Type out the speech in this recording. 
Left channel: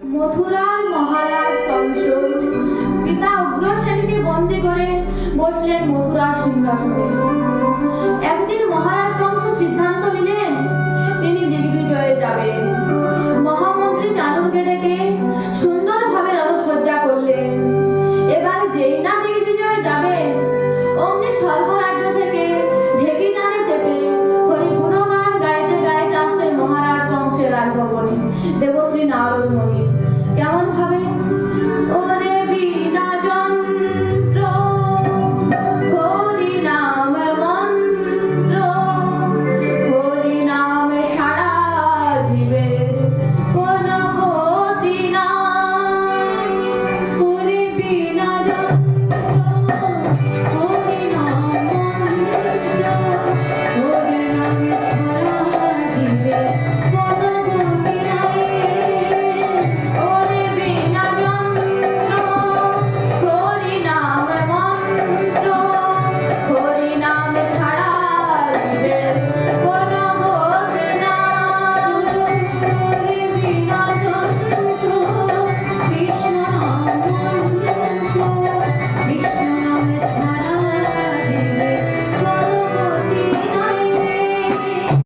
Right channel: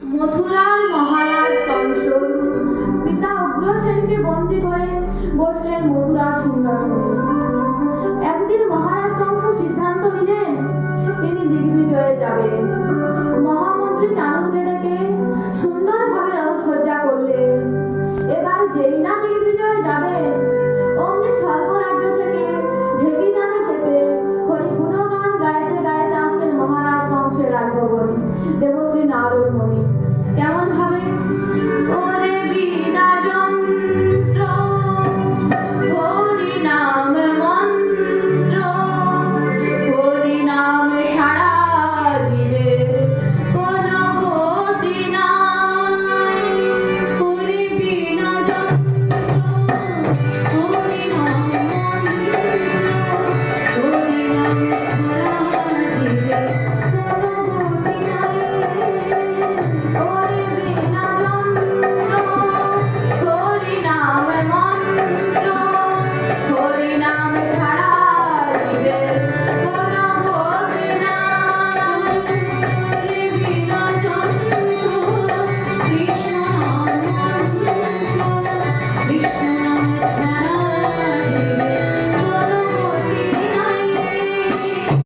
মথুরার মহারাজ কংস পিতা উগ্রসেনকে বন্দী করে বসলেন মথুরার সিংহাসনে। একদিন মহারাজ কংস সিদ্ধান্ত নিলেন তিনি দিগ্বিজয়ে যাবেন। মহামন্ত্রী চাণক্যকে ডেকে সুন্দরভাবে রণসজ্জা করলেন। এবার যেই না দিগ্বিজয়ে যাবেন অমনি স্বর্গরাজ্য থেকে ঢেকি টানে চেপে হরি গুণগান গাইতে গাইতে আসছেন মহারাজ কংসের রাজভবনে দেবশ্রী নারদ মুনি। কেমন ভাবে ও